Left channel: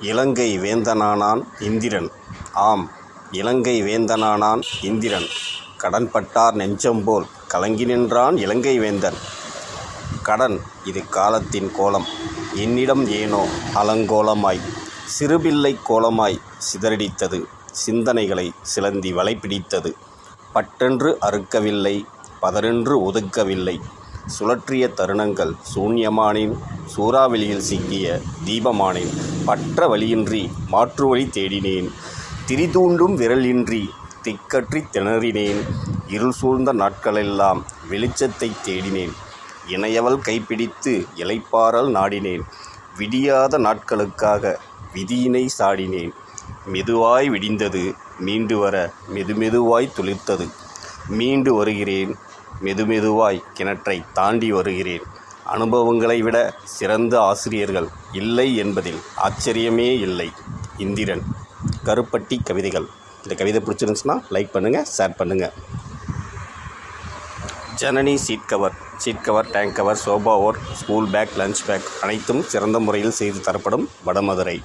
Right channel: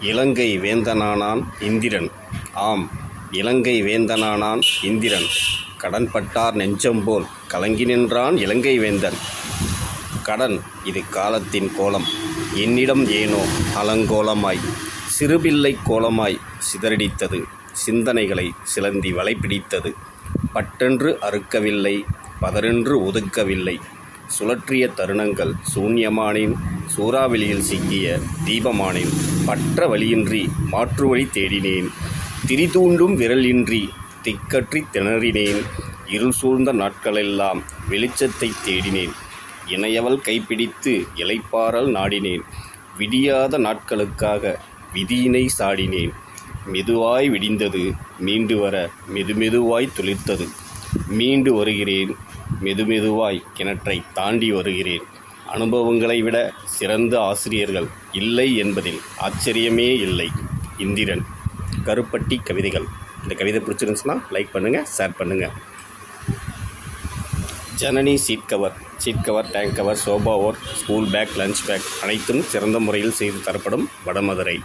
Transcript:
இலங்கை வேந்தனானான் இந்திரன். ஆம், இலங்கை வேந்தனானான் இந்திரன். கடன்பட்டார் நெஞ்சம்போல் கலங்கி நின்றான் இலங்கை வேந்தன். கடன் இது காலத்தின் கோலம், என்னிடம் ஏனோ அலங்கோலமாய் சிறுபிள்ளை கோலமாய் சிதறடித்தது, சிந்தனைகளை சிலந்தி வலைப்பிடித்தது. பட்டென்று அறுக்கவில்லை, பதரென்று ஒதுக்கவில்லை, சுழற்றிய தருணங்கள் சூன்யமானேன், சூறாவளியில் சிக்கிய தீபமானேன். பற்ற வழியின்றி மாற்று வழி தேடினேன், திரிதூண்டும் விரலின்றி திக்கற்றி திணறினேன். இருள் சூழ்ந்த நாட்களெல்லாம் வெளிச்சத்தை தேடினேன், இணையவள் கைப்பிடித்து இளைப்பாறல் நாடினேன். விடியாத நாட்களுக்காக விதியினை சாடினேன். மெதுவாய் விடிந்தது, மீண்டு வர மெதுமெதுவாய் துளிர்த்தது. மீண்டு வருகிறேன், மெதுமெதுவாய் கிணற்றை தாண்டி வருகிறேன். அனுபவங்களை விட சிறந்த ஆசிரியர்கள் இல்லை என்பதில் ஆச்சரியமே இல்லை. இந்திரன். கருப்பட்டி கவிதைகள். இந்த கவிதை பிடிச்சிருந்துச்சுன்னா லைக் பண்ணுங்கள், ஷேர் பண்ணுங்கள். Janani seat cover, tank cover, sofa ஓர், ஸ்கூல் பேக், லஞ்ச் பேக் அனைத்தும் சிறந்த முறையில் செய்து தரப்படும் வடமதுரை.